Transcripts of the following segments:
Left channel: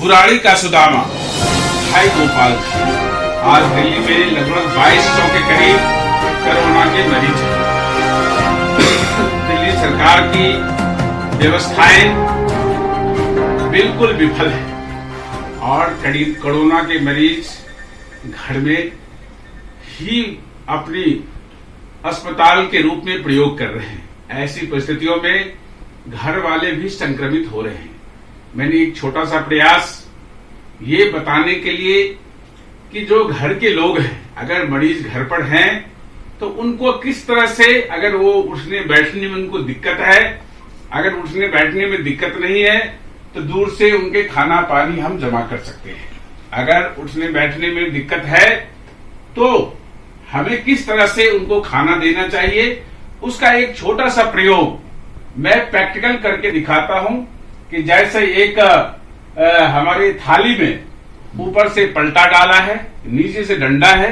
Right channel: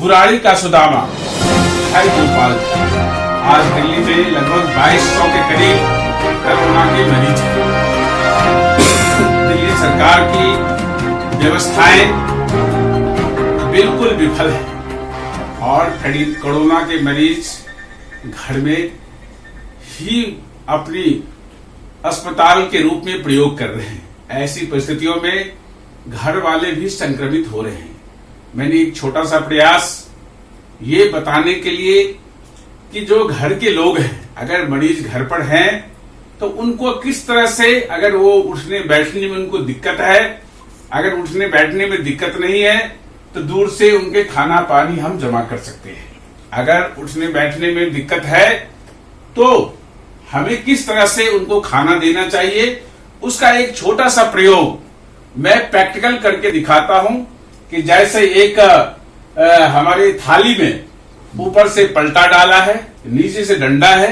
बुराड़ी का सुदामा भाई गोपाल आज दिल्ली में लगभग 2200 के करीब कोरोना के मरीज हैं। दिल्ली सरकार की व्यवस्थाएं बिल्कुल विफल है और करीब कोरोना के मरीज घर में ही अपनी अस्पताल के रूप में प्रयोग कर रहे हैं। ऐसी परिस्थितियों में घर वाले भी संक्रमित हो रहे हैं। मैंने एक छोटा सा प्रयास ये बताने के लिए कि जो घर के लोग हैं, अगर मरीज घर पर हैं तो उनको किस तरह से, अगर वो उठने बैठने में उनको दिक्कत है, अगर उठने बैठने में दिक्कत नहीं है तो दूर से उनके खाना पानी हम जमा कर सकते हैं। अगर उठने बैठने में दिक्कत है तो हमें किस तरह से उनको खाना देना चाहिए, उसका एक छोटा सा प्रयोग मैं प्रैक्टिकल करके दिखाता हूं कि जैसे एक हमारे थाली में ऊपर से पलटा डाला है, नीचे से डंडा है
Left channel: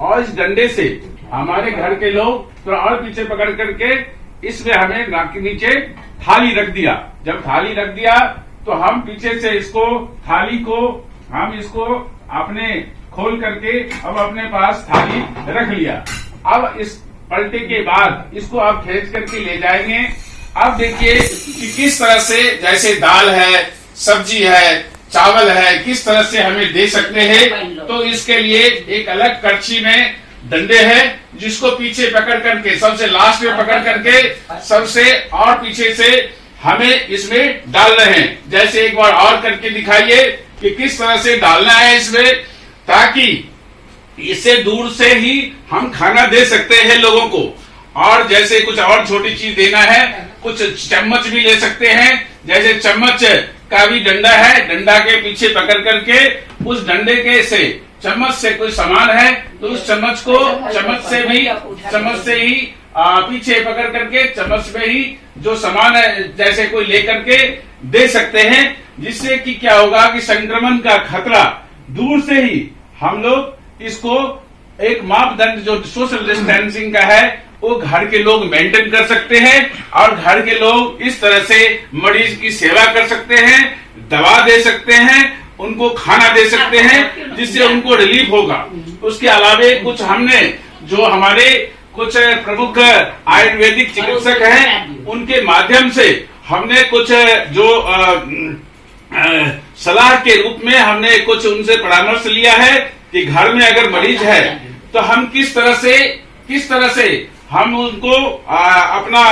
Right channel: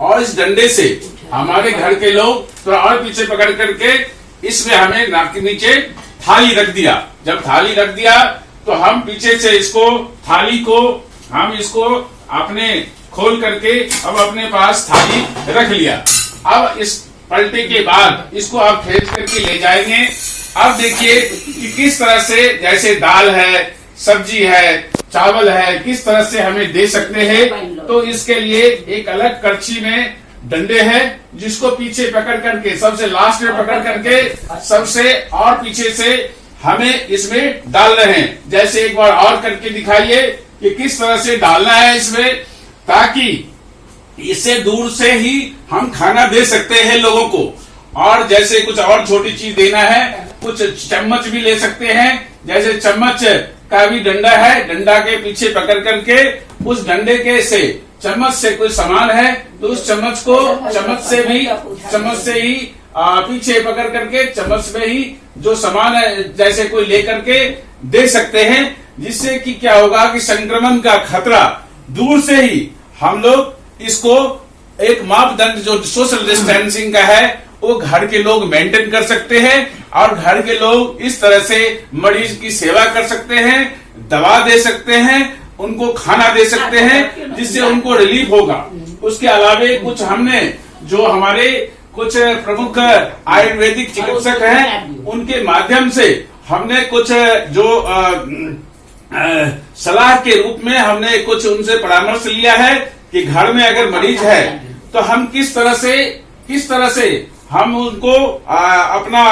और इस डंडे से हमारे घर के लोग थोड़ा और पीछे पकड़ करके इसमें हमें नाक के नीचे थाली रख दिया। जब थाली रख दिया तो हम पीछे से इसको थाली को हम इसको अपने खोल करके अब अपने पास थाली रख लिया। अब इस पलटे के बाद इसको आप खींच करके ले जाएंगे। अब देखिए कि किस तरह से, जैसे दाल है, सब्जी है, चावल है, किस तरह से हमें दे सकते हैं। तो इसके लिए एक अलग कड़छी में डंडे हैं जिसको पीछे पकड़ करके, सबसे लास्ट में पकड़ करके सबसे और पीछे से हमें इसमें डाल रहे हैं। जैसे एक बार और करके दिखाइए कि किस तरह से डालना है इसमें, ताकि इससे दूर से ही हम खाना दे सकते हैं लोगों को। और जैसे कुछ और छोटी चीज देना है, कुछ चम्मच भी ले सकते हैं। जैसे चम्मच का भी डंडा है, डंडा के पीछे पकड़ करके उस डंडे के से चम्मच से कोई सामान है तो उस चम्मच को चम्मच से ही पीछे पकड़ करके चम्मच में ही जो सामान है जैसे कोई लेकर के दे सकते हैं। जिससे कि क्या होगा कि संक्रमण का खतरा दूर से ही हम लोग इसको एक मापदंड जो सोशल डिस्टेंसिंग का है वो घर के लोग मेंटेन कर सकते हैं और घर के लोग इस तरह से मरीज की सेवा कर सकते हैं, दवा दे सकते हैं, उनको खाना दे सकते हैं, जिससे उनको रिलीफ होगा। उसके अलावे कुछ हमने जो हमारे कुछ प्रमुख आयुर्वेदिक चिकित्सक हैं उनके माध्यम से हमने कुछ जो सलाह के रूप में हमने कुछ उनसे परामर्श लिया है कि घर में अगर मरीज है तो हम किस तरह से हम उनको अपना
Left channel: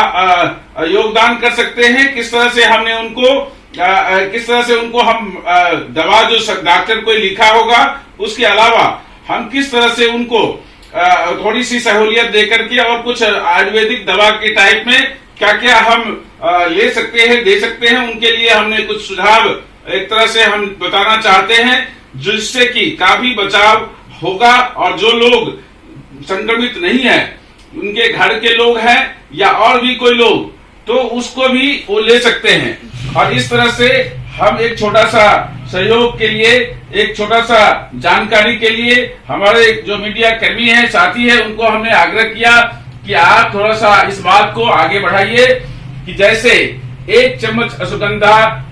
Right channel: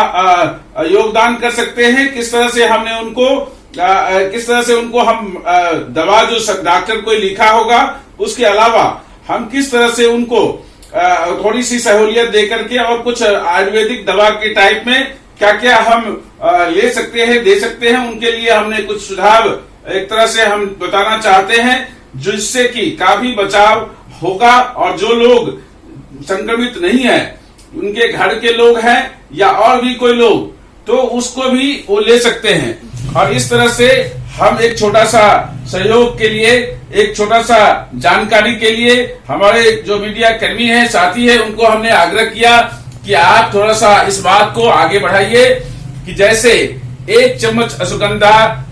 योगदान कर सकते हैं, किस तरह से उनको हम दवा जो डॉक्टर को लिखा होगा उसके अलावा हम किस तरह से उनको थोड़ी सी सहूलियत दे करके और कुछ आयुर्वेदिक दवा के टाइप में क्या क्या हम ले सकते हैं, दे सकते हैं, उनके लिए हमने कुछ सुझाव एक तरह से हम बताना चाहते हैं, जिससे कि काफी बचाव होगा। और जो लोग संक्रमित नहीं है, उनके घर के लोग हैं या और भी कोई लोग, तो उसको भी वो ले सकते हैं। और इस तरह से हम एक छोटा सा सहयोग के लिए, एक छोटा सा जानकारी के लिए हमारे जो मीडिया कर्मी है, साथी है, उनको हमने आग्रह किया कि आप थोड़ा सा इस बात को आगे बढ़ाइए कि जैसे 1 चम्मच अश्वगंधा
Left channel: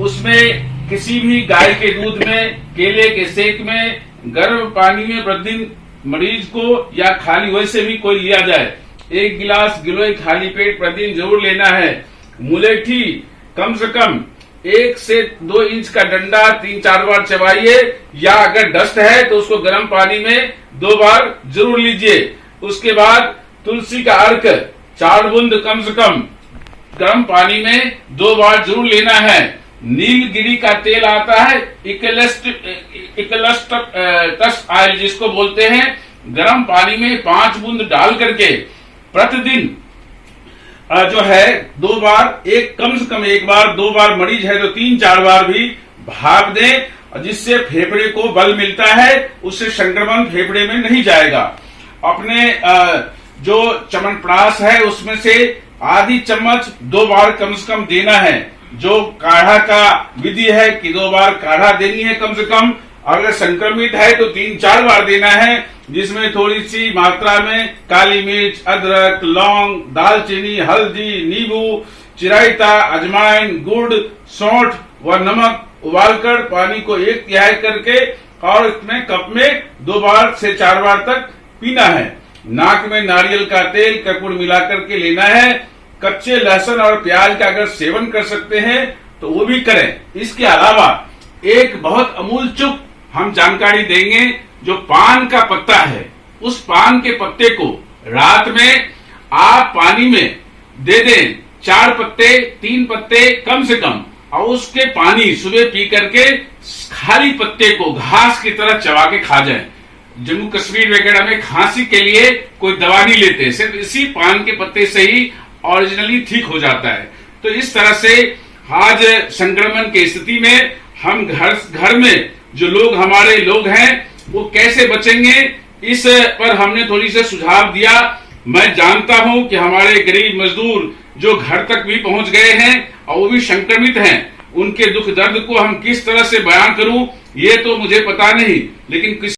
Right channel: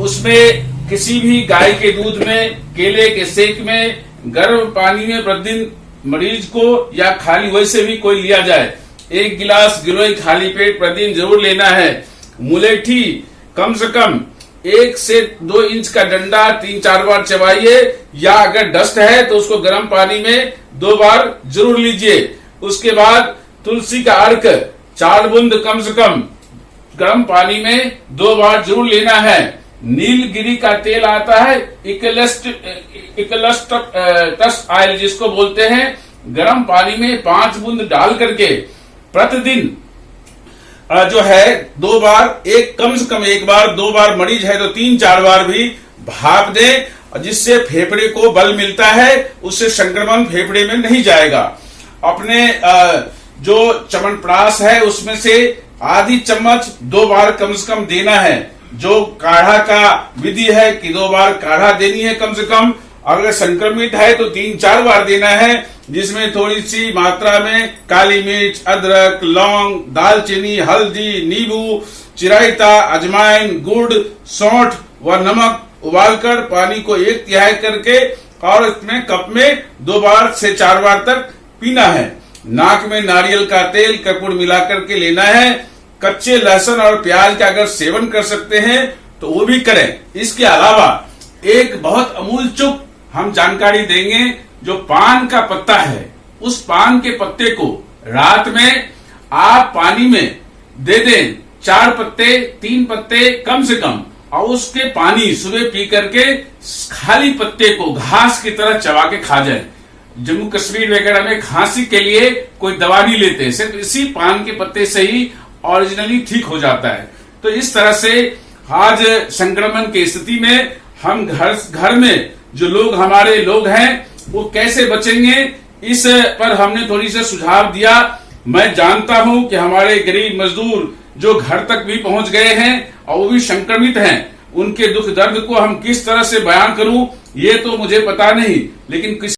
उसमें किसी भी गाय के दूध में, केले के सेक में, गर्म पानी में प्रतिदिन मरीज को या खाली वैसे भी कोई लिया जाए 1 गिलास गिलोय खाली पेट प्रतिदिन जरूर लेना है। मुलेठी कम से कम 1 से 2 इंच का डंडा 3-4 बार चबाइए, या अगर डस्ट है तो उसको गर्म पानी में 2 बार जरूर लीजिए। उसके बाद तुलसी का अर्क 4 बूंद कम से कम गर्म पानी में 2 बार जरूर लेना है। नीलगिरी का तेल आता है, इकलस्टस ऑयल जिसको बोलते हैं, गर्म पानी में 5 बूंद डाल करके प्रतिदिन जो है 2 बार, एक कम से कम 1 बार, 2 बार मरीज है तो 3-4 बार भी भाप दें, जिससे फेफड़े को बल मिलता है, उससे संक्रमण फेफड़े में नहीं जाएगा। अपने जो च्यवनप्राश है उसमें से आधी चम्मच 2 बार कम से कम देना है। जो काढ़ा का विधि है कि 2 बार काढ़ा देनी है कम से कम, अगर संक्रमित है तो 3-4 बार देना है, जिसमें थोड़ी सी मात्रा में काली मिर्च, अदरक, लौंग, दालचीनी, हल्दी, नींबू, चिरायता, अजवाइन, गुड़, सौंठ व नमक उबालकर पानी को 1/3 करके और इसमें कप में 2 बार से 4 बार तक पीना है। नाक में नारियल का तेल कपूर मिलाकर के लेना है। कच्चे लहसुन और प्याज का अगर सेवन कर सकते हैं तो वो भी करें। इसके अलावा एक बहुत अमूल चुप हम जानकारी देंगे। जो पान का पत्ता है, उस पान के पत्ते को रात में आप पानी में दे दें, 4 पत्ते 3 पत्ते कम से कम, और उसके पानी सुबह पी करके खाली पत्ते को घास की तरह चबा के खा जाए। जम्मू कश्मीर वगैरह में खांसी के लिए कोई दवा नहीं लेते, सिर्फ इसी पान के पत्ते से ही ओरिजिनली ठीक हो जाता है। तो इस तरह से आज संक्रमण की स्थिति में हम घर में जो लोग हमारे लोग हैं वो कैसे बचेंगे, इस पर हमने थोड़ी सी सुझाव दिया। मैं जानता हूं कि हमारे गरीब मजदूर जो घर तक भी पहुंच गए हैं और वो भी संक्रमित हैं, उनके दुख दर्द को हम किस तरह से बयान करूं ये तो मुझे पता नहीं, लेकिन किस